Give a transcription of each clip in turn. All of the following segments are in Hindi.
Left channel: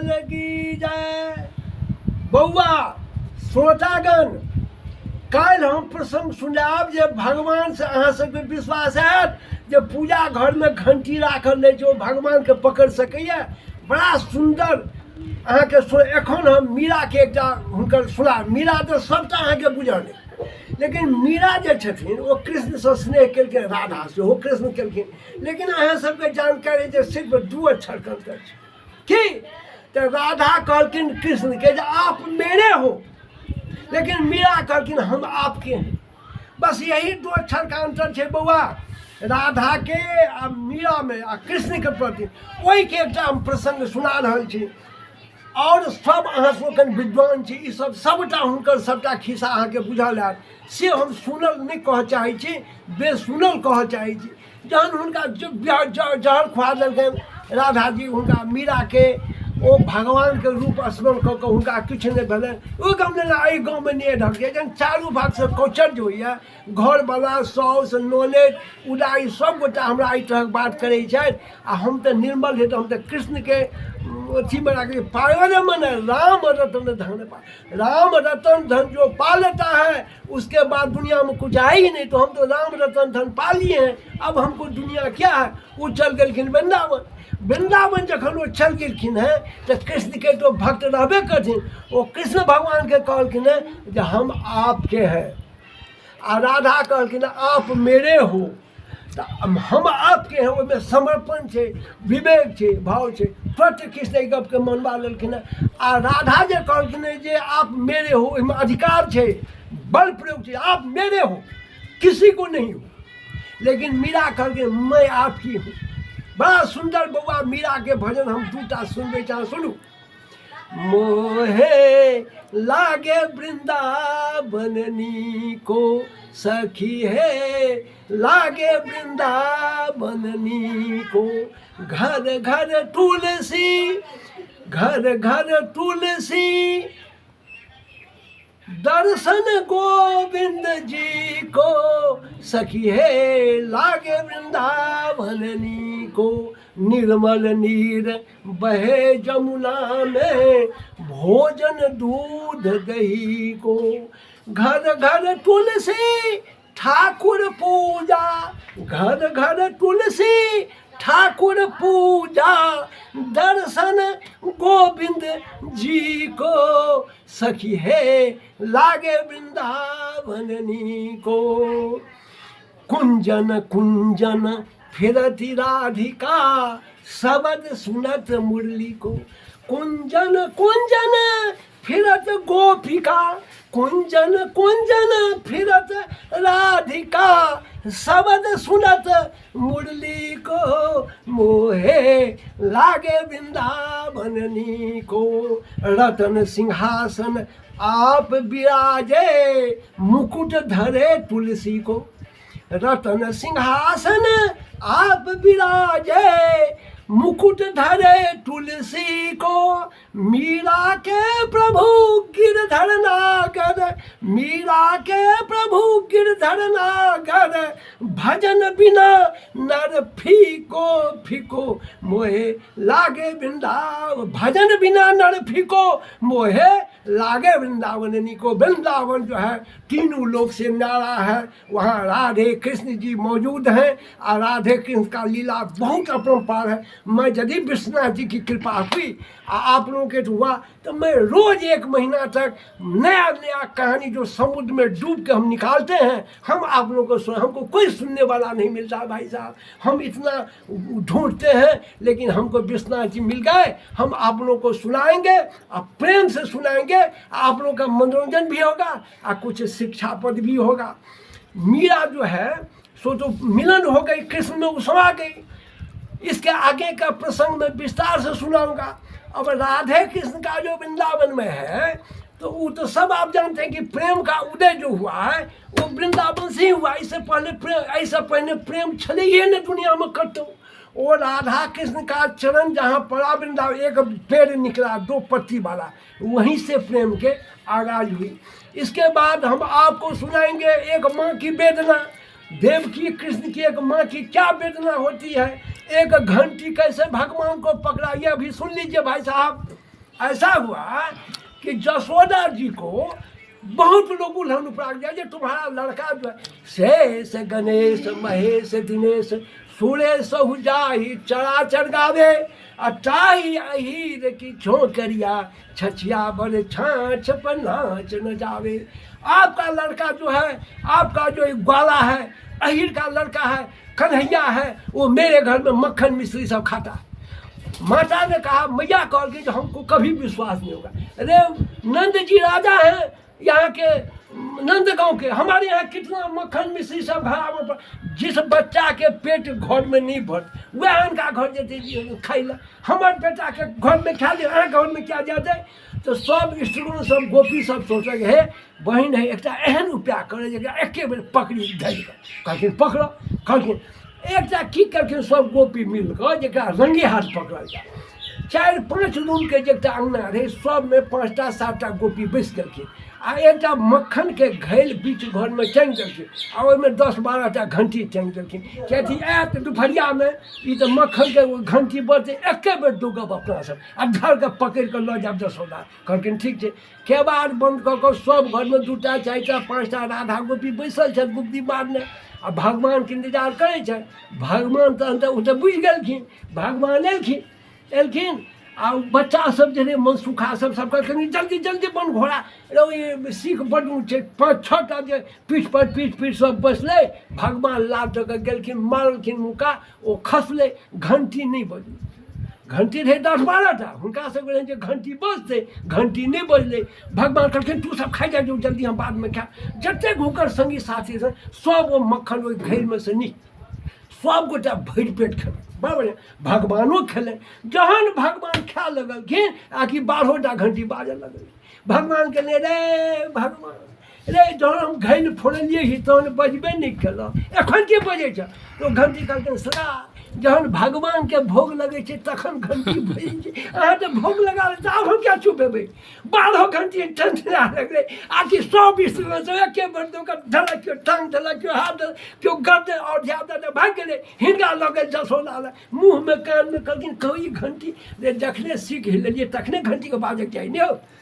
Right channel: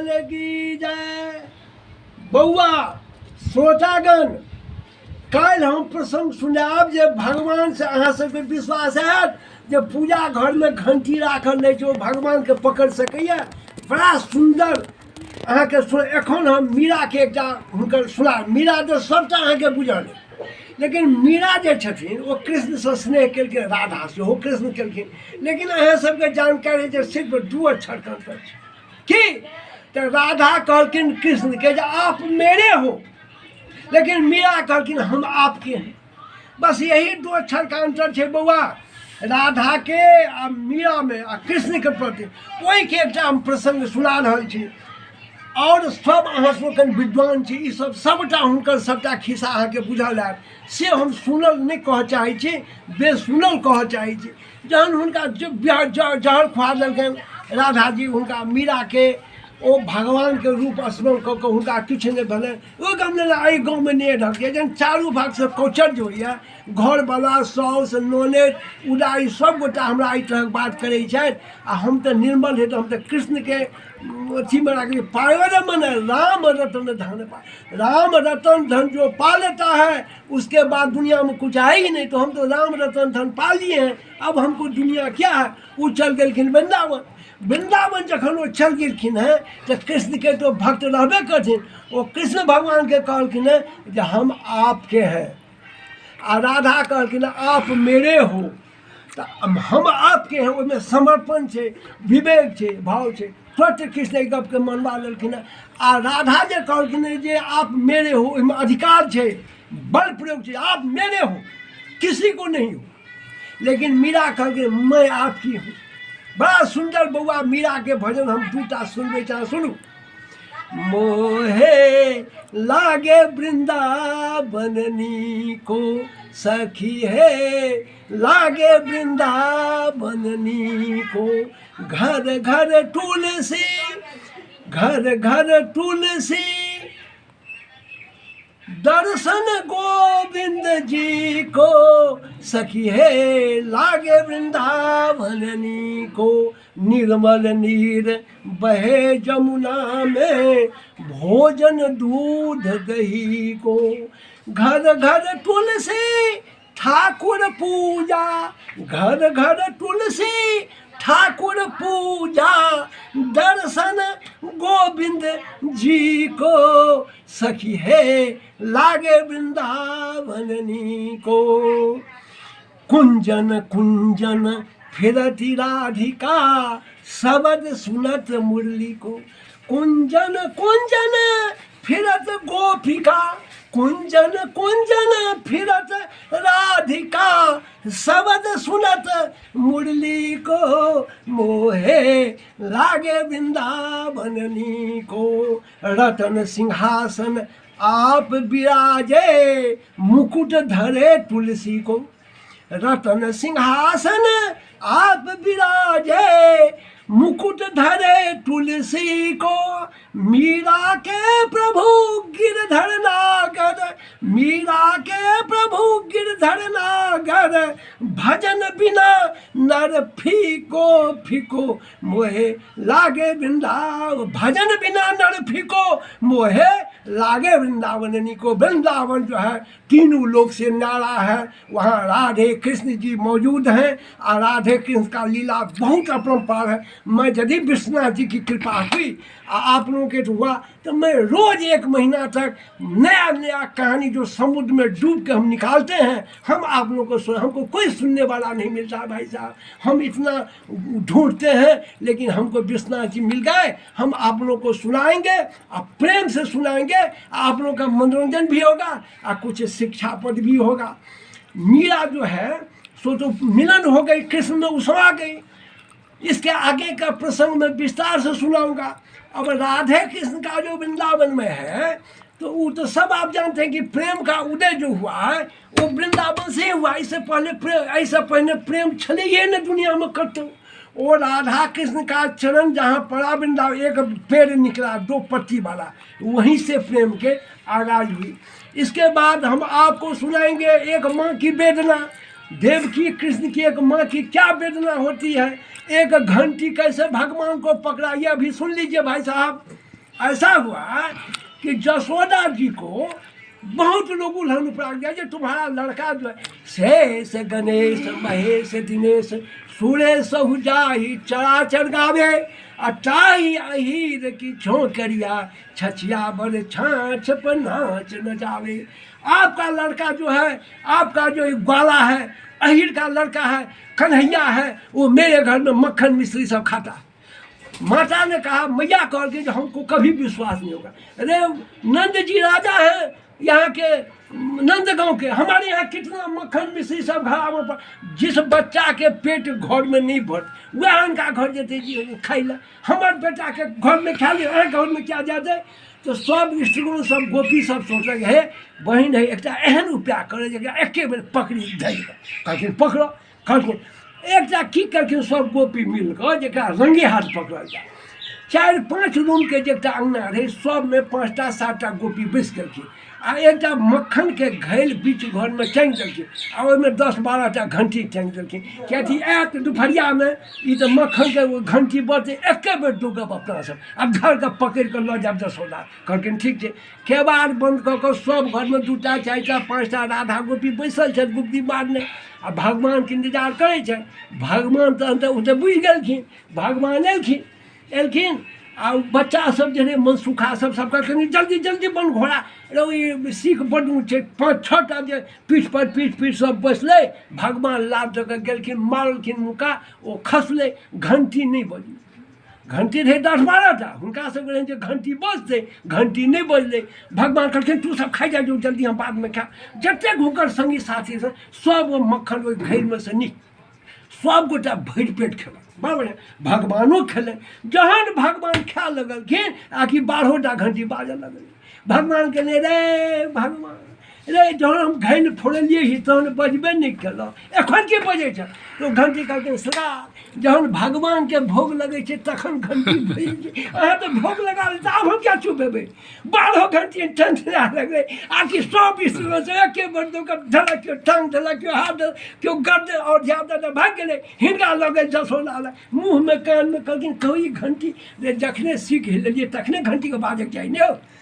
लाल की जय। बउआ श्रोतागण, काल्हि हम प्रसंग सुनाब जे भगवान से अहाँ सबके विश्वास हैत जे पूजा घर में घंटी राखल नहीं छै ओ भगवान के पकड़ सकैया। बड़ा सुंदर अहाँके एखन हम मीरा के एकटा हुनकर सुना। मीरा तो सबटा अहाँके बुझल है, लेकिन मीरा जे छथिन ओ कृष्ण से स्नेह केलखिन, राधा सेहो कृष्ण केलखिन, लेकिन अहाँ सबके जानकारी जे सिर्फ 2 अक्षर के अंतर छै कि तो राधा कहलखिन कृष्ण के जे आप मेरे हो, लेकिन मीरा कहलखिन हम आपके हैं। बस यही 2 अक्षर का अंतर है बउआ, राधा के आ मीरा में आ कृष्ण के प्रति। वही के एकटा हम प्रसंग सुना रहल छी और सब अहाँ सबके विद्वान छी, ई सब सबटा हुनकर सबटा खिस्सा अहाँके बुझल हैत, से हम सुनल नहीं कह चाहै छी, बेसुनल कह चाहै छी। जहन हुनका जहर खुआ देलखिन राधा जी हुनका मीरा के, ओ भगवान के रूप स्मरण कऽ कऽ हुनका किछु नहि भेलै। ओहि गाममे एहि गाँवमे नहि ढकिए, जहन चारू भाग से कौचर जे होइए, घरवला साउस ननद उदाई सब गोटा हमरा एहि तरहक बात करै छथि, आ हम तऽ निर्मल है, तो हम तऽ कृष्ण के अथी में राखिए। पायो मन राम रतन धन पा, राम रतन धन जो पा लेता है उसके बाद दुनिया में कुछ आएगी नहीं। तो हम तो राम रतन धन पा लिए हैं, अब हमको दुनिया क्या है। वो चल गलखिन वृंदावन। वृंदावन जखन वो चल गेलखिन हैं तो कृष्ण के तो भक्त रहबे करथिन, वो कृष्ण भगवान के कहलखिन है जे हम आपके हैं, आ राधा कहलखिन आप मेरे हो। तो हम आपके हैं, उसमें समर्पण है, विवेक है, भाव है। तुरंत कृष्ण गप के मनवा लेलखिन है। आ राधा जे कहलखिन जे आप मेरे हो, इसमें अधिकार है, बल प्रयोग है, आप मेरे हो, किसी को नहीं हो। लेकिन मीरा कहलखिन मैं आपकी हूँ। बड़ा सुंदर बउआ मीरा के भजन हम 2टा सुनबे चाह, सुनू। मोहे लागे वृंदावननी को सखी है, लागे वृंदावननी को। घर घर तुलसी, घर घर तुलसी, दर्शन गोविंद जी को सखी है, लागे वृंदावननी को। निर्मल नीर बहे जमुना में, भोजन दूध दही को। घर घर तुलसी ठाकुर पूजा, घर घर तुलसी ठाकुर पूजा। दर्शन गोविंद जी को सखी है, लागे वृंदावननी को। कुंजन कुंजन फिरती राधिका, शब्द सुनत मुरली को। कुंजन कुंजन फिरत गोपिका, कुंजन कुंजन फिरत राधिका, शब्द सुनत मुरली को। मोहे लागे वृंदावननी को। रतन सिंहासन आप विराजे, मुकुट धरे तुलसी को। रतन सिंहासन आप विराजे, मुकुट धरे तुलसी को। मीरा के प्रभु गिरधर नागर, मीरा के प्रभु गिरधर नागर। भजन बिना नर फीको फीको, मोहे लागे वृंदावन। भजन बिना नर फीको, मोहे लागे वृंदावननी को। वृंदावन जो है तीनों लोक से न्यारा है, वहाँ राधे कृष्ण जी मौजूद हैं, और राधे कृष्ण का लीला बहुत अपरंपार है। मैं यदि विश्वनाथ जी की कृपा हुई आप लोगों के हुआ, तो मैं रोज 1 महीना तक नया नया कहानी जो समुद्र में डूब के हम निकालते हैं, हम आप लोगों को हमको कोई सुनने वाला नहीं मिलता भाई साहब। हम इतना ढूंढते हैं, लेकिन हमको विश्वनाथ जी मिल गए। हम आप लोगों को सुनाएंगे, और प्रेम से सुनाएंगे। आप लोगों का मनोरंजन भी होगा और कुछ शिक्षापद भी होगा। मीरा जो है सो तो मिलन हो गई, कृष्ण में उसमा गई। इसके आगे का प्रसंग मैं विस्तार से सुनाऊंगा। अब राधे कृष्ण का जो वृंदावन में है, तो वो तो सब आप जानते हैं कि प्रेम का उदय जो हुआ है वो वृंदावन से ही हुआ। इससे पहले प्रेम चले ही न दुनिया में कतो। वो राधा कृष्ण का चरण जहाँ पड़ा वृंदावन, एक पेड़ निकला 2 पत्ती वाला, वहीं से प्रेम के आगाज हुई। इसके बाद हम आपको सुनाएंगे एक माँ की वेदना। देवकी कृष्ण की एक माँ की क्या वेदना होती है, एक घंटी कैसे भगवान को पकड़ा, ये अभी सुन लीजिए भाई साहब। ऐसा हुआ कि जसोदा जी को बहुत लोग उल्हन प्राग दिया जो तुम्हारा लड़का जो है शेष गणेश महेश दिनेश सुरेश जाही चराचर गावे अटाही अहीर की छोकरिया छछिया बड़ छाछ पर नाच न जावे। आपका लड़का जो है, आपका जो ग्वाला है, अहीर का लड़का है, कन्हैया है, वो मेरे घर में मक्खन मिश्री सब खाता है। माता ने कहा, मैया कह के जो हमको कभी विश्वास नहीं होगा। अरे नंद जी राजा हैं यहाँ के, नंद गांव के, हमारे यहाँ कितना मक्खन मिश्री सब घर पर, जिस बच्चा के पेट घर में नहीं भर वह उनका घर जाते खाई ला, हमारे बेटा के घर में खा लिया, घर में क्या जाते। तो सब स्त्रीगुण सब गोपी सब सोचलक हे बहन है एक एहन उपाय करे जगह एके बेर पकड़ी धरि कहलखिन पकड़ो। कहलखिन एकटा की करखिन सब गोपी मिलकर जकरा रंगे हाथ पकड़ल जाए। 4-5 रूम के जगह अंगना रहे, सब में 5टा 7टा गोपी बैस गेलखिन आ एकटा मक्खन के घैल बीच घर में टांगि देलखिन आ ओहिमे 10-12टा घंटी टांगि देलखिन कियाकि आयत दुपहरियामे ई तऽ मक्खन के घंटी बजतै एके बेर दुगब अपना सब आ घर के पकड़ि कऽ लऽ जायब जसोदा। कहलखिन ठीक छै। केबाड़ बंद कऽ कऽ सब घरमे 2टा 4टा 5टा राधा गोपी बैसल छथि गुप्ती मारने आ भगवानके इंतजार करै छै। भगवान तहन तऽ ओ तऽ बुझि गेलखिन, भगवान एलखिन आ बच्चा सब जे मनसुखा सब कहलखिन जल्दी जल्दी बन घोड़ा। ई सीख बड्ड छै, 5-6टा जे पीठ सब बैसलै। भगवान लाल दऽ कऽ गेलखिन, मारलखिन मुका, ओ खसलै, घंटी नहि बजलै। घंटी रहे 10-12टा, हुनका सब रहे जे घंटी बजतै, घंटी नहि बजलै। भगवान कहलखिन तू सब खाइ जा जो जल्दी, हम बाद में खाएब। जतेक हुनकर संगी साथी सब ओ मक्खन ओहि घैलमे से नीक सब गोटा भरि पेट खेलक, बड़ बढ़िया। भगवानो खेले। जहन भगवान खाए लगलखिन आकि 12टा घंटी बाजऽ लगल। भगवान कहले रे भगवान रे, जहन हम घैल फोड़लिए ही तहन बजबे नहीं केलहुँ, एखन की बजै छ। तो घंटी कहलखिन सदा जहन भगवान के भोग लगे छै तखन घंटी बजै छै, अहाँ तऽ भोग लगा तऽ आब हम क्या चुप हेबै। 12 घंटी टंटना लगलै आकि सब स्त्रीमे से एके बेर धलक, केओ टांग देलक, केओ हाथ देलक, केओ गर्द और ज्यादा भागि गेलै। हिनका लऽ गेल जसोदा लग, मुँहमे कानमे कहलखिन कहू ई घंटी रे जखने सीख लेलियै तखने घंटीके बाजैके चाही ने।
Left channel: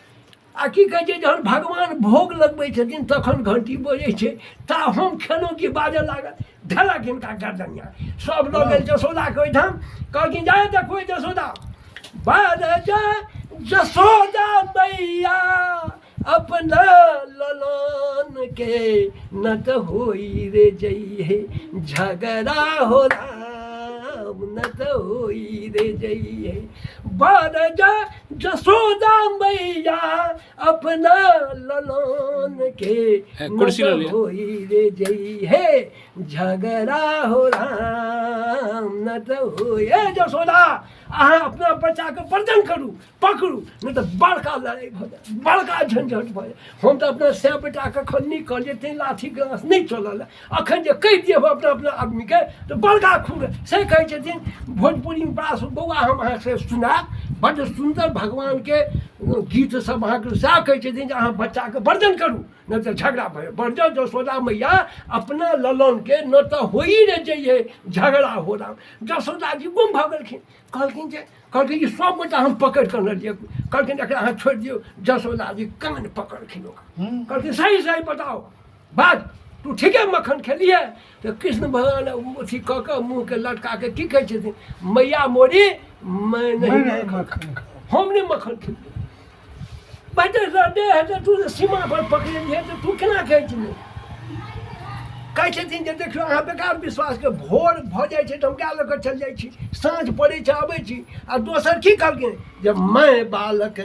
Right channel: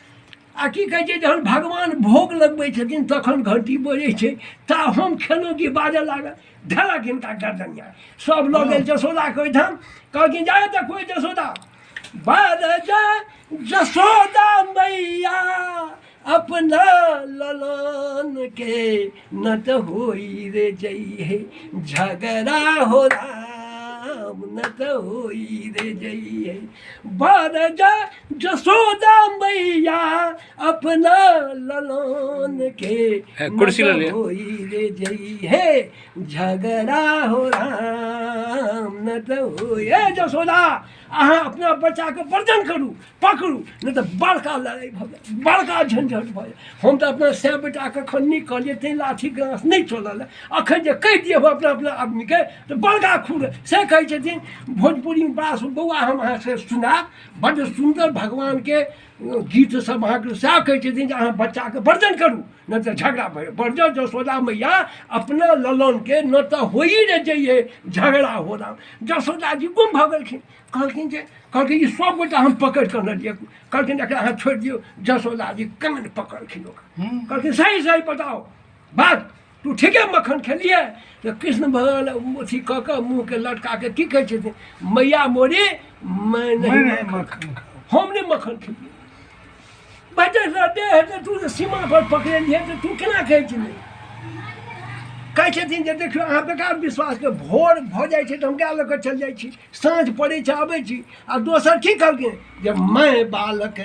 आ की कहै छै जहन भगवान भोग लगबै छथिन तखन घंटी बजै छै, ता हम खेलहुँ कि बाजऽ लागल। धलक हिनका गर्दनिया, सब लऽ गेल जसोदाके ओहिठाम। कहलखिन जाए देखबै जसोदा, बाज जसोदा मैया अपना ललन के न तो होई रे जइहे झगड़ा हो राम, न तो होई रे जइहे। बाज जसोदा मैया अपना ललन के न तो होई रे जइहे झगड़ा हो राम, न तो होई। जसोदा अहाँ अपना बच्चाके वर्जन करू, पकड़ू, नहीं तो बड़का लड़ाई भऽ जाय, बड़का झंझट भऽ जाय। हम तऽ अपना 100 बेटाके खन्नी कहलियै तेँ लाठी ग्रास नहीं चलल है। अखन जे कहि दियौ अपना आदमीके तऽ बड़का खूब से कहै छथिन भोजपुरीमे बास बौआ हम अहाँसँ सुनाब, बड्ड सुन्दर भगवानके गीत सब अहाँके सएह कहै छथिन जे अहाँ बच्चाके वर्जन करू नहीं तो झगड़ा भऽ जाय। वर्जन जसोदा मैया अपना ललनके न तऽ होई रे जइहे झगड़ा हो राम। जसोदा जी गुम भऽ गेलखिन। कहलखिन ई सब गोटा हम पकड़ि कऽ लेलियै। कहलखिन एकरा अहाँ छोड़ि दियौ। जसोदा जी कान पकड़लखिन ओकरा, कहलखिन सही बताओ बात, तू ठीके मक्खन खेलिए। तो कृष्ण भगवान अथी कऽ कऽ मुँहके लटका के की कहै छथिन, मैया मोरी मैं नहीं मक्खन खाऊं, हम नहीं मक्खन खेलिए। बेटे तू सीमा पर पकड़लिए तो तू केना कहै छलै। कहै छथिन जे देखियौ अहाँ बेकार विश्वासके, भोर भऽ जाइ छै तऽ हम क्या लऽ कऽ चलि जाइ छी, साँझ पड़ै छै अबै छी। आ दोसर की कहलखिन जे मैं बालक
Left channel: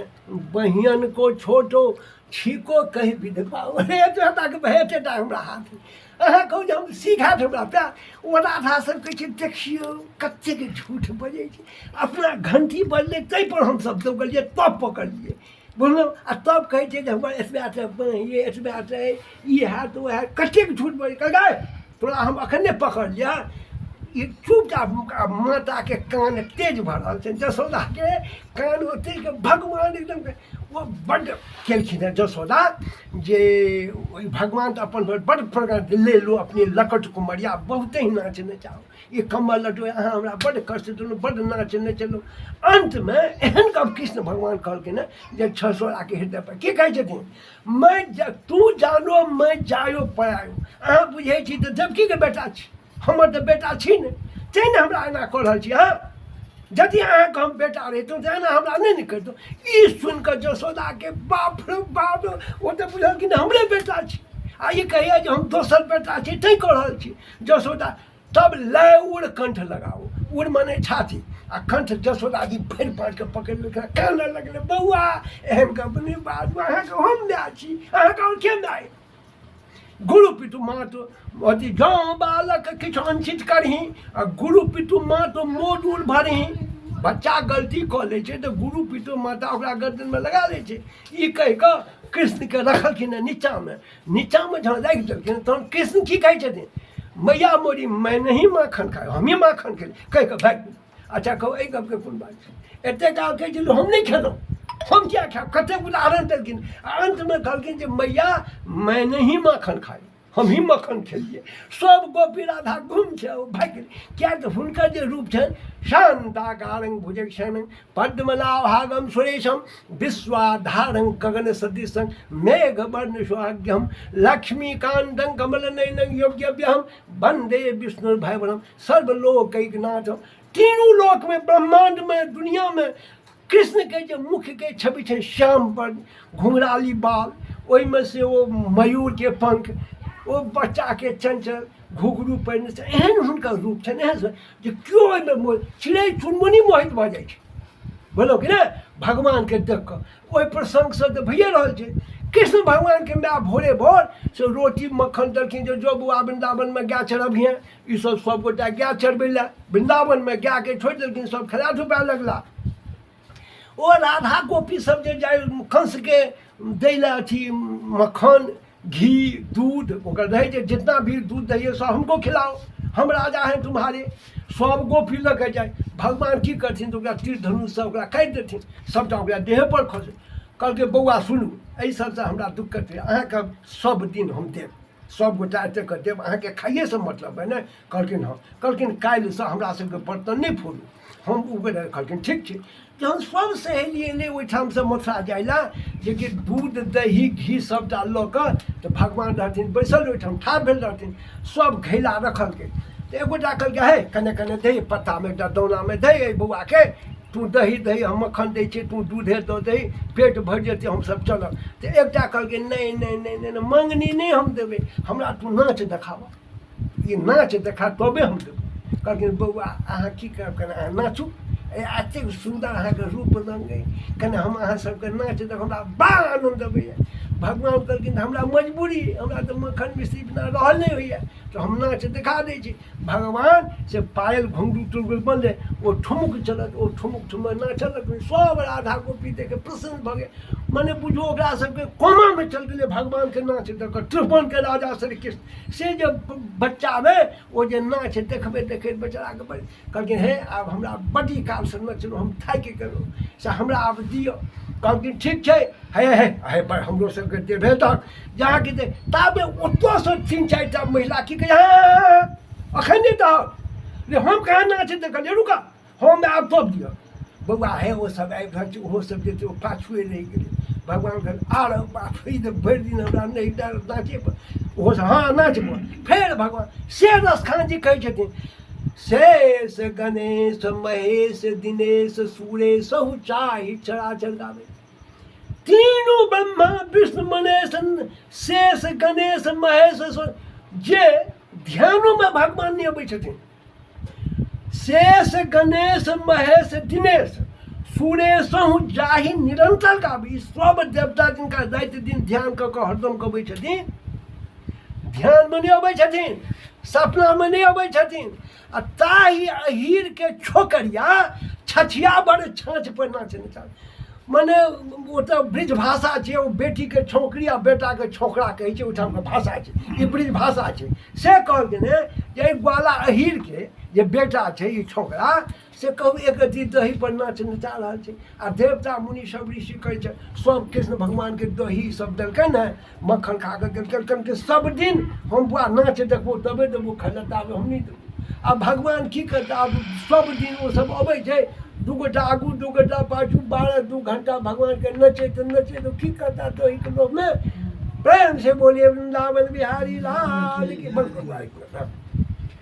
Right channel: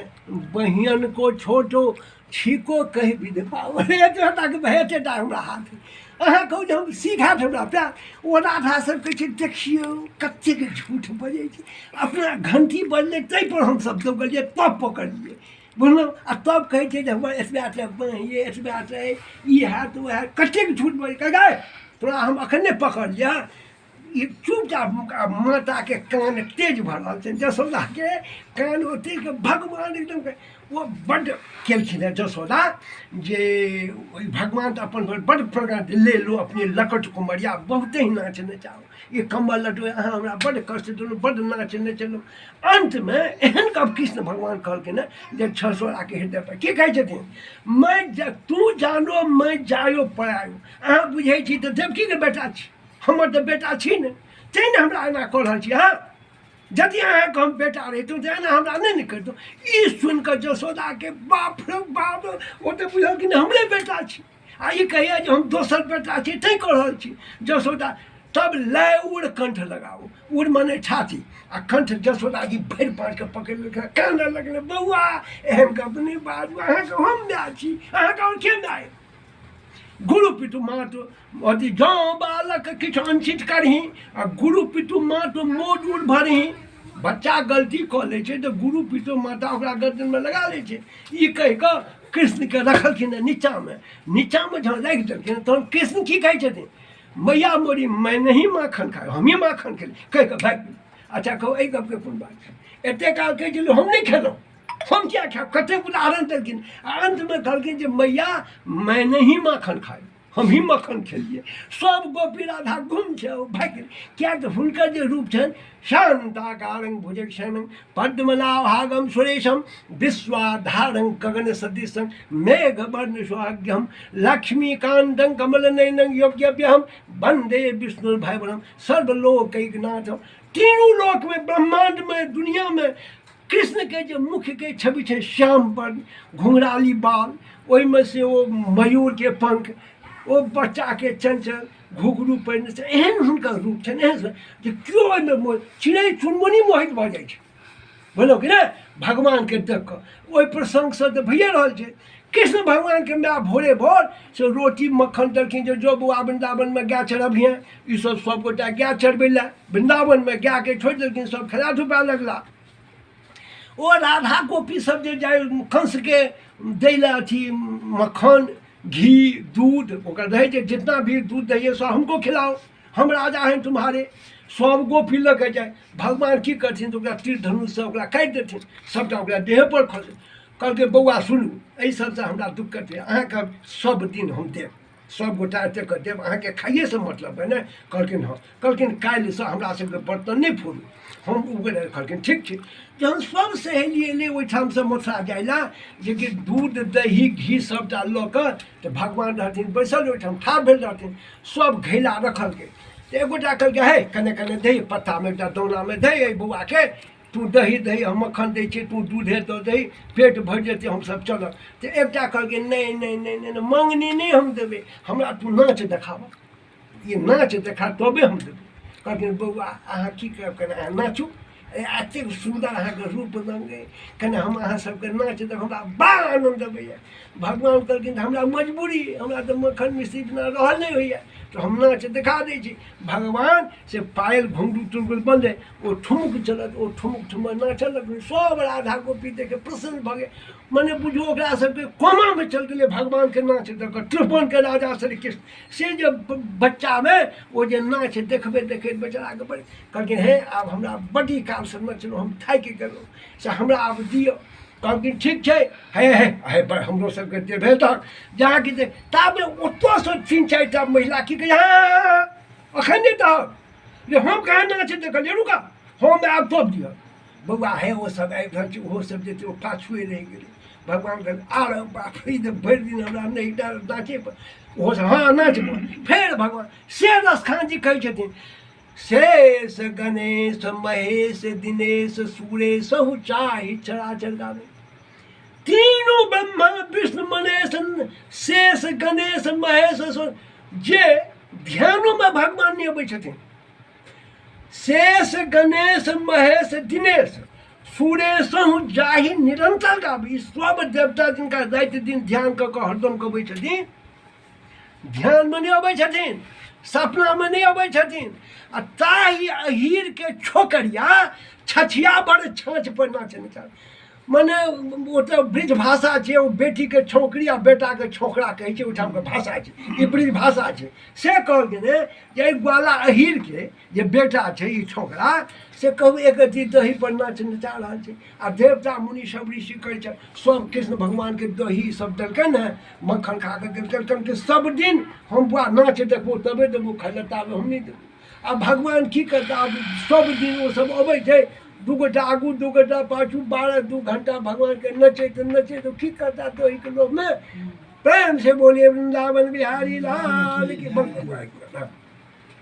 बहिन को छोटो छीको कहि विधवा, एकेटाके भेटेटा हमरा हाथ। अहाँ कहू जे हम सीखायत हमरा प्यार। ओ राधा सर कहै छै देखियौ कतेक झूठ बजै छै, अपना घंटी बजलै ताहिपर हमसब दौगलियै तब पकड़लियै, बुझलहुँ। आ तब कहै छै जे हमर एतबा टा बाँहिए एतबा टा ई हैत ओ हैत, कतेक झूठ बजै। कहै तोरा हम एखन नहि पकड़लियै, ये चुपचाप माता के कान तेज भऽ रहल छै, जसोदा के कान ओते के भगवान एकदम के वो बड्ड केलखिन है जसोदा जे ओइ भगवान तो अपन बड्ड प्रकार ले लो अपनी लकट कुमरिया बहुते ही नाच नचाओ, ये कमल लटो अहाँ हमरा बड्ड कष्ट देलहुँ, बड्ड नाच नचेलहुँ। अंत में एहन कब कृष्ण भगवान कहलखिन है जे छसोड़ा के हृदय पर की कहै छथिन, तू जानो मैं जायो परायो। अहाँ बुझै छी तऽ देवकी के बेटा छी, हमर तऽ बेटा छी ने, तैँ ने हमरा एना कऽ रहल छी। हाँ यदि अहाँके हम बेटा रहितहुँ तऽ एना हमरा नहि ने करितहुँ। ई सुनि कऽ जसोदाके बाप रे बाप, ओ तऽ बुझल कि हमरे बेटा छी, आ ई कहैया जे हम दोसर बेटा छी तैँ कऽ रहल छी। जसोदा तब लय उड़ कंठ लगाओ, उड़ मने छाती, आ कंठ जसोदा जी भरि पाँच के पकड़ि लेलखिन, कानऽ लगलै, बौआ एहन गप नहि बाजू, अहाँके हम माय छी, अहाँके हम के माय। गुरु पितु मातु अथी गाँव बालक किछु अंशित करही, आ गुरु पितु मातु मोट उड़ भरही। बच्चा गलती कऽ लै छै तऽ गुरु पितु माता ओकरा गर्दनमे लगा लै छै। ई कहि कऽ कृष्णके रखलखिन है नीचाँमे, नीचाँमे जहन राखि देलखिन तहन कृष्ण की कहै छथिन, मैया मोरी मैं नहीं माखन खाए, हम ही माखन खेली, कहि कऽ भागि गेल। अच्छा कहू एहि गपके कोन बात छै, एतेक काल कहै छलै हम नहीं खेलहुँ, हम क्या खाएब, कते उदाहरण देलखिन। अंत में कहलखिन जे मैया मैं नहीं माखन खाई, हम ही मक्खन खेलिए। सब गोपी राधा घूम छै ओ भागि गेल, किएक तऽ हुनकर जे रूप छनि शान्ताकारं भुजगशयनं पद्मनाभागं सुरेशं विश्वाधारं गगन सदृशं मेघवर्ण सुहाग्यं लक्ष्मीकान्तं कमलनयनं योग्यभ्यहं वन्दे विष्णुर्भयवरं सर्वलोकैकनाथं। तीनों लोक में, ब्रह्मांड में, दुनिया में कृष्ण के जो मुख के छवि है श्याम पर घुंघराली बाल, ओहिमे से वो मयूर के पंख, वो बच्चा के चंचल घुघरू पहिरने से एहन हुनकर रूप छनि, एहन जे केओ ओहिमे चिड़ै चुनमुनी मोहित भऽ जाइ छै। बोलो कि ने भगवान के देख कऽ ओहि प्रसंग से तऽ भइए रहल छै। कृष्ण भगवान के माय भोरे भोर से रोटी मक्खन देलखिन जे जो बौआ वृंदावन में गाय चढ़बिहें। ई सब गोटा गाय चढ़बै लए वृंदावन में गाय के छोड़ि देलखिन, सब खेला धुपा लगला। ओ राधा गोपी सब जे जाय कंस के दै लए अथी मक्खन घी दूध, ओकर रहै जे जितना भी दूध दैए सब हमको खिलाओ, हम राजा हैं तुम्हारे। सब गोपी लऽ के जाए, भगवान की करथिन तऽ ओकरा तीर धनुषसँ ओकरा काटि देथिन, सबटा ओकरा देह पर खसे। कहलकै बौआ सुनू, एहि सबसँ हमरा दिक्कत है, अहाँके सब दिन हम देब, सब गोटा एतेक कऽ देब, अहाँके खाइएसँ मतलब है ने। कहलखिन हाँ, कहलखिन काल्हिसँ हमरा सबके बर्तन नहि फोड़ू, हम उबेर। कहलखिन ठीक छै। जहन सब सहेली अयलै ओहिठामसँ मथुरा जाइ लए, जेकि दूध दही घी सबटा लऽ कऽ, तऽ भगवान रहथिन बैसल ओहिठाम ठाढ़ भेल रहथिन, सब घैला रखलकै। तऽ एक गोटा कहलकै हे कने कने दही पत्तामे एकटा दानामे दही बौआके, तू दही दही हम मक्खन दै छियै, तू दूधे दऽ दही, पेट भरि जेतै हमसब चलब। तऽ एकटा कहलकै नहि नहीं नहीं नहीं, मङ्गनी नहीं हम देबै, हमरा तू नाच देखाबऽ, ई नाच देखा तबे हम देबै। कहलखिन बौआ अहाँ की करब, कने अहाँ नाचू, एतेक सुन्दर अहाँके रूप रङ्ग अइ, कने हम अहाँ सबके नाच देख, हमरा बड़ा आनन्द अबैए। भगवान कहलखिन हमरा मजबूरी, हमरा तऽ मक्खन मिश्री बिना रहल नहि होइए, तऽ हम नाच देखा दै छी। भगवान से पायल घुंघरू तुंघरू बंदे, ओ ठुमुक चलत, ओ ठुमुक ठुमुक नाचलक, सब राधा गोपी देखे प्रसन्न भऽ गेल। मने बुझू ओकरा सबके कोमामे चलि गेलै भगवानके नाच देख कऽ। त्रिभुवनके राजा श्री कृष्ण से जे बच्चामे ओ जे नाच देखबे देखैत बेचाराके बड़े कहलखिन हे आब हमरा बड़ी कालसँ नचलहुँ, हम थाकि गेलहुँ, से हमरा आब दिअ। कहलखिन ठीक छै, हे हे हे हमरो सबके देबे तक जहाँ कि ताबे ओतऽसँ 3-4टा महिला की कहै अखन नहि दहक जे हम कहाँ नाच देखलियै, रुका हम आब तब दिअ। बौआ हे ओ सब आबि रहल छै, ओहो सब जेतै, ओ पाछुए रहि गेलै। भगवान कहलकै आर बाप रे भरि दिन हमरा नहि नाचे पर, ओहो सब हाँ नाचबो। फेर भगवान शेरस खान जी कहै छथिन शेष गणेश महेश दिनेश सुरेश सहु चाहि चराचर गावे। तीनों ब्रह्मा विष्णु महेश शेष गणेश महेश जे ध्यानों में भगवान नहीं अबै छथिन, शेष गणेश महेश दिनेश सुरेशहु जाहि निरंतर गाबी। सब देवता जिनका राति दिन ध्यान कऽ कऽ हरदम गबै छथिन, ध्यान में नहीं अबै छथिन, सपना में नहीं अबै छथिन। आ ताहि अहीर के छोकरिया छछिया बड़ छाँच पर नाचने चाहे। मने ओतऽ ब्रिज भाषा छै, ओ बेटीके छौकरी आ बेटाके छोकरा कहै छै, ओहिठामके भाषा छै, ई ब्रिज भाषा छै। से कहल गेलै जे एहि ग्वाला अहीरके जे बेटा छै ई छोकरा, से कहू एक अथी दही पर नाच नचा रहल छै, आ देवता मुनि सब ऋषि कहै छै सब कृष्ण भगवानके दही सब देलकनि हेँ, मक्खन खा कऽ देलकनि कि सब दिन हम बुआ नाच देखबो तबे देबो खाय लए, ताबे हम नहि देबो। आ भगवान की करता, आब सब दिन ओ सब अबै छै, दू गोटा आगू दू गोटा पाछू, 12-2 घंटा भगवानके नचैत की करता दहीके लोभमे। प्रेम से बोलिए वृंदावन बिहारी लाल की।